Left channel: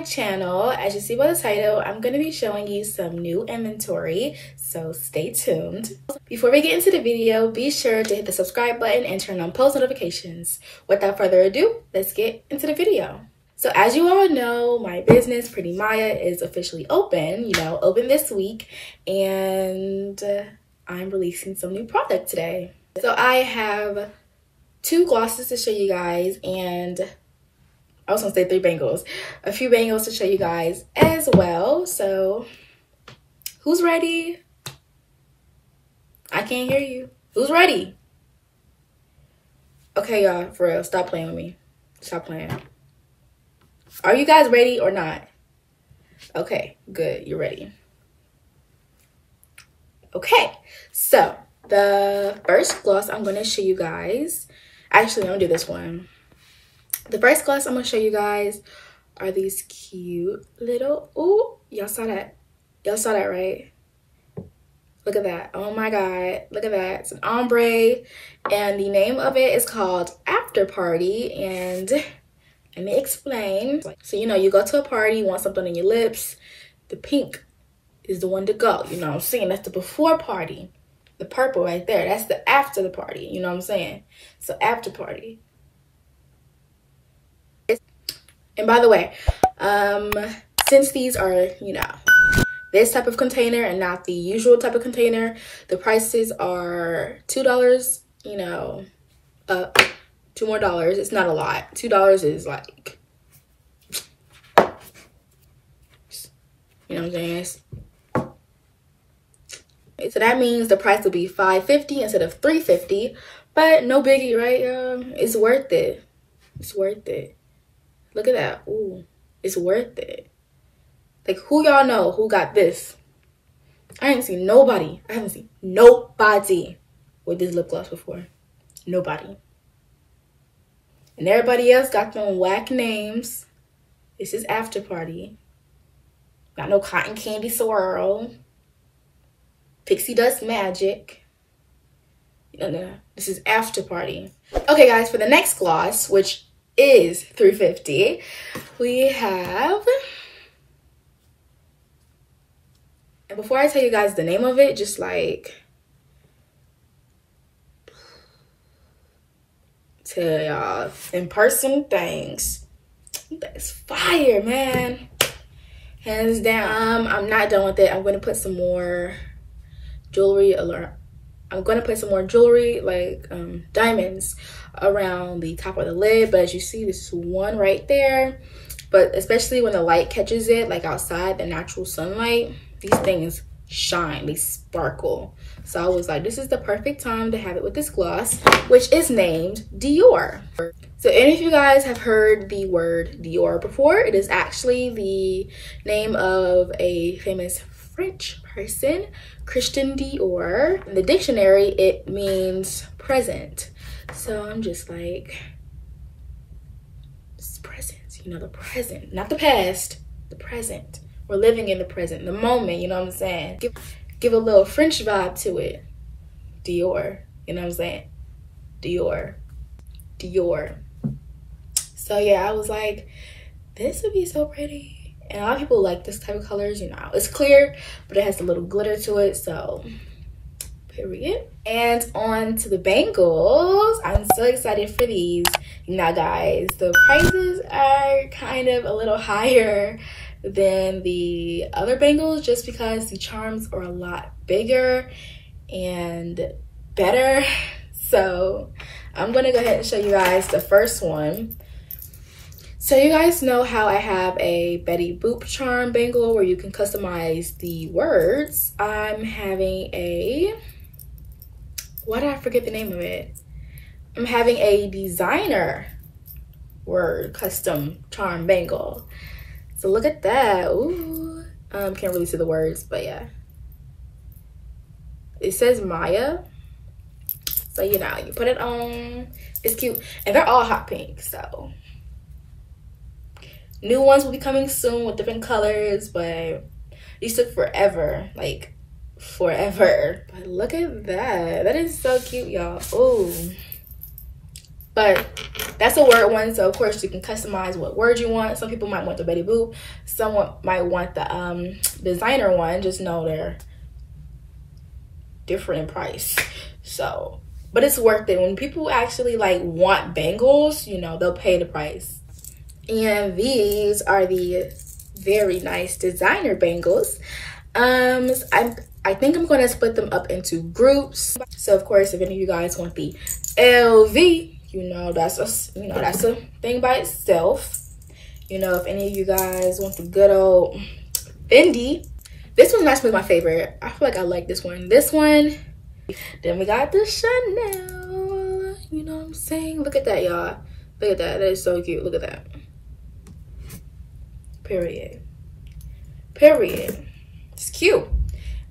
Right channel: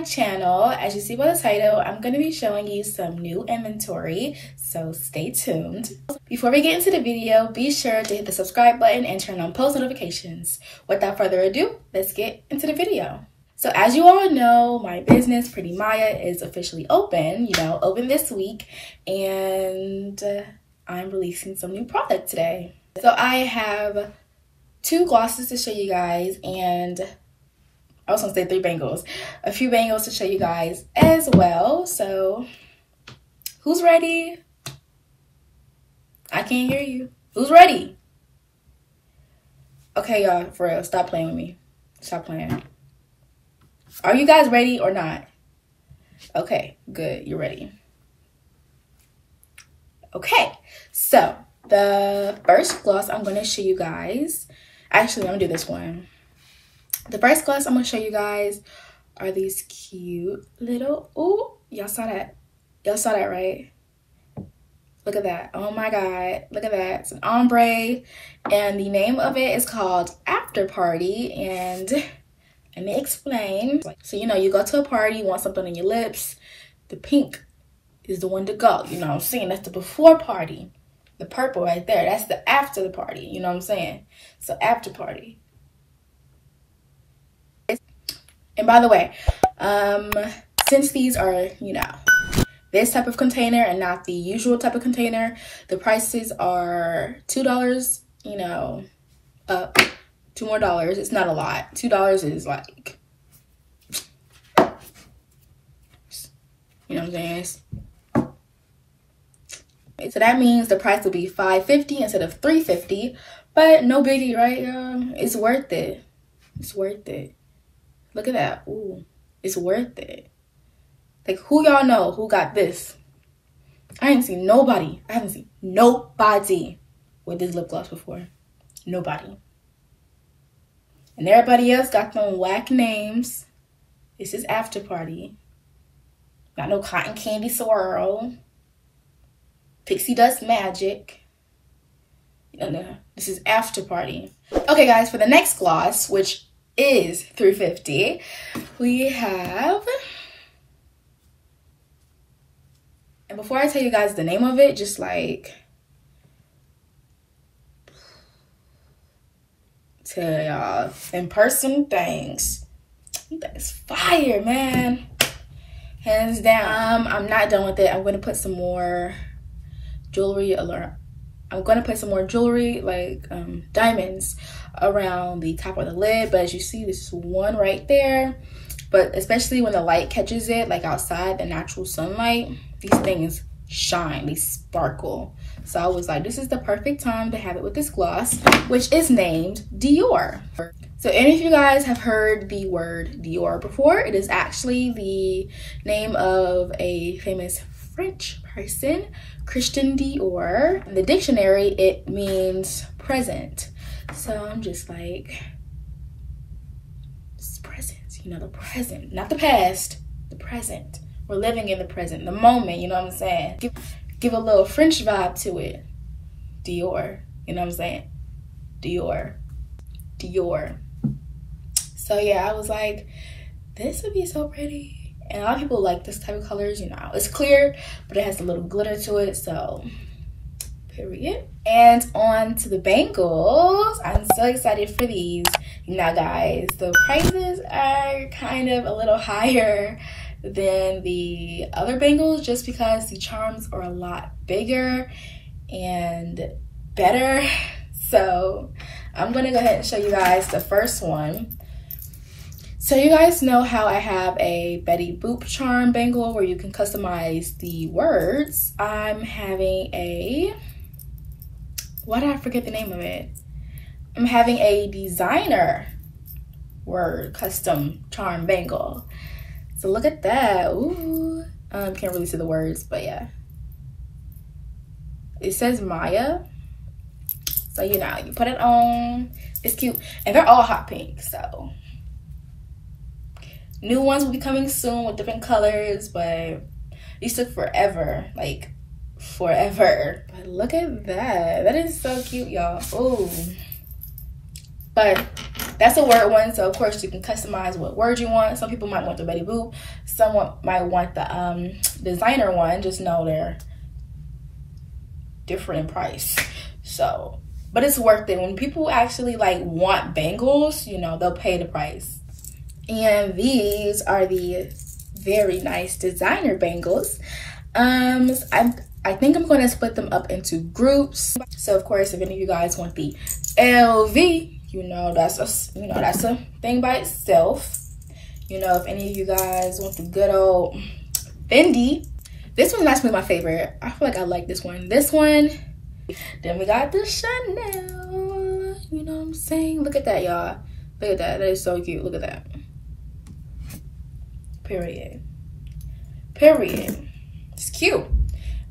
my channel. As you see by the title, I'm going to be showing you some new inventory, so stay tuned. Before we get into the video, be sure to hit the subscribe button and turn on post notifications. Without further ado, let's get into the video. So as you all know, my business, Pretty Maya, is officially open, open this week, and I'm releasing some new product today. So I have 2 glosses to show you guys, and I was gonna say 3 bangles. A few bangles to show you guys as well. So who's ready? I can't hear you. Who's ready? Okay, y'all, for real, stop playing with me. Stop playing. Are you guys ready or not? Okay, good, you're ready. Okay, so the first gloss I'm gonna show you guys, actually, I'm gonna do this one. The first gloss I'm gonna show you guys are these cute little, ooh, y'all saw that? Y'all saw that, right? Look at that. Oh my God, look at that. It's an ombre, and the name of it is called After Party, and let me explain. So, you go to a party, you want something on your lips, the pink is the one to go, you know what I'm saying? That's the before party. The purple right there, that's the after the party, you know what I'm saying? So after party. And by the way, since these are, this type of container and not the usual type of container, the prices are $2, $2 more. It's not a lot. $2 is like, you know what I'm saying? So that means the price will be $5.50 instead of $3.50, but no biggie, right? It's worth it. It's worth it. Look at that. Ooh, it's worth it. Like, who y'all know who got this? I ain't seen nobody. I haven't seen nobody with this lip gloss before. Nobody. And everybody else got them whack names. This is After Party. Got no Cotton Candy Swirl. Pixie Dust Magic. No, this is After Party. Okay, guys, for the next gloss, which is $3.50, we have, and before I tell you guys the name of it, just like tell y'all in person things. That's fire, man. Hands down. I'm not done with it. I'm going to put some more jewelry like diamonds around the top of the lid, but as you see, this is one right there. But especially when the light catches it, like outside, the natural sunlight, these things shine, they sparkle. So I was like, this is the perfect time to have it with this gloss, which is named Dior. So any of you guys have heard the word Dior before, it is actually the name of a famous French person, Christian Dior. In the dictionary, it means present. So I'm just like, it's present, the present, not the past, the present. We're living in the present, the moment, you know what I'm saying? Give a little French vibe to it. Dior, you know what I'm saying? Dior, Dior. So yeah, I was like, this would be so pretty. And a lot of people like this type of colors, It's clear, but it has a little glitter to it, so period. And on to the bangles. I'm so excited for these. Now, guys, the prices are kind of a little higher than the other bangles just because the charms are a lot bigger and better. So I'm gonna go ahead and show you guys the first one. So you guys know how I have a Betty Boop charm bangle where you can customize the words. I'm having a, why did I forget the name of it? I'm having a designer word custom charm bangle. So look at that. Ooh. Can't really see the words, but yeah. It says Maya. So you put it on. It's cute. And they're all hot pink, so. New ones will be coming soon with different colors, but these took forever, like forever. But look at that. That is so cute, y'all. Ooh. But that's a word one, so of course you can customize what word you want. Some people might want the Betty Boop, someone might want the designer one. Just know they're different in price. So, but it's worth it. When people actually like want bangles, you know, they'll pay the price. And these are the very nice designer bangles. I think I'm going to split them up into groups. So of course, if any of you guys want the LV, you know, that's a thing by itself. You know, if any of you guys want the good old Fendi, this one's actually my favorite. I feel like I like this one. This one. Then we got the Chanel. You know what I'm saying? Look at that, y'all. Look at that. That is so cute. Look at that. Period. Period. It's cute.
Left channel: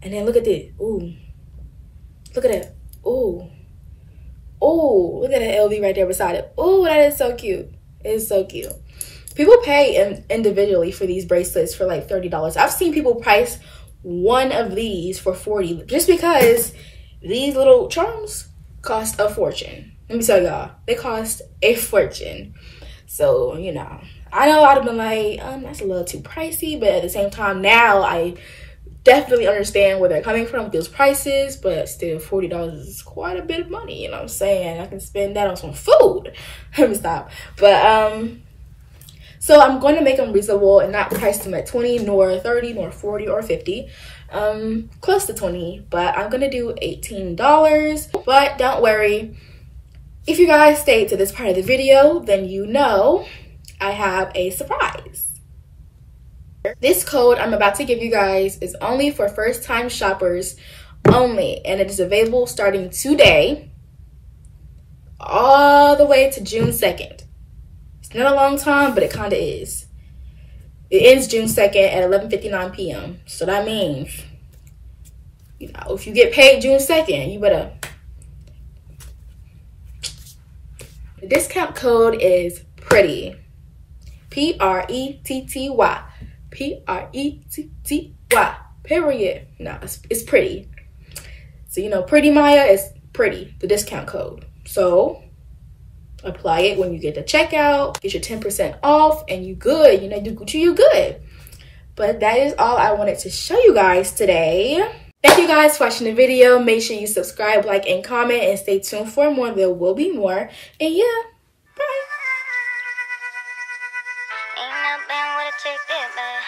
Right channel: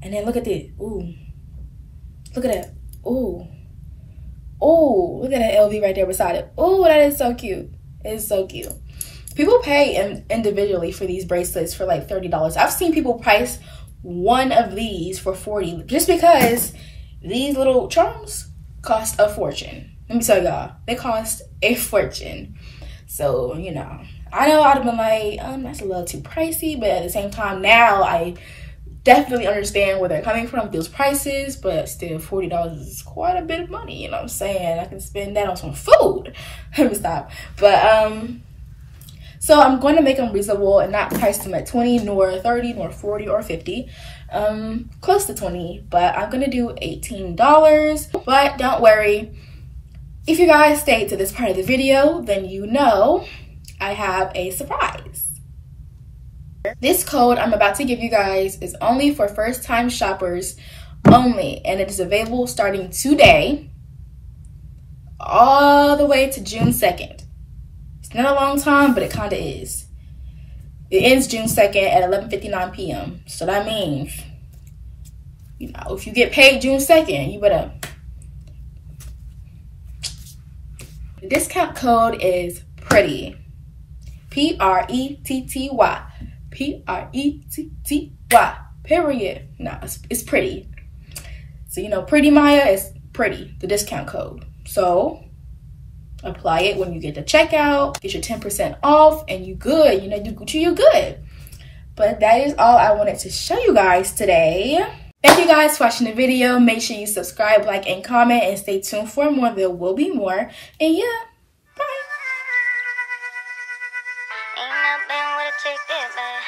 And then look at this. Ooh. Look at that. Ooh. Ooh. Look at that LV right there beside it. Ooh, that is so cute. It is so cute. People pay individually for these bracelets for like $30. I've seen people price one of these for $40 just because these little charms cost a fortune. Let me tell y'all, they cost a fortune. So, you know, I know I'd have been like, that's a little too pricey, but at the same time, now I definitely understand where they're coming from with those prices, but still $40 is quite a bit of money, you know what I'm saying? I can spend that on some food. Let me stop. But, so I'm going to make them reasonable and not price them at 20, nor 30, nor 40, or 50. Close to 20, but I'm going to do $18. But don't worry. If you guys stayed to this part of the video, then you know I have a surprise. This code I'm about to give you guys is only for first-time shoppers only, and it is available starting today all the way to June 2nd. It's not a long time, but it kind of is. It ends June 2nd at 11:59 p.m. So that means, you know, if you get paid June 2nd, you better. The discount code is PRETTY. P-R-E-T-T-Y. P-R-E-T-T-Y. Period. No, it's pretty. So, you know, Pretty Maya is pretty, the discount code. So, apply it when you get the checkout. Get your 10% off, and you good. You know, do Gucci, you good. But that is all I wanted to show you guys today. Thank you guys for watching the video. Make sure you subscribe, like, and comment, and stay tuned for more. There will be more. And yeah, bye. Ain't nothing with a ticket, babe.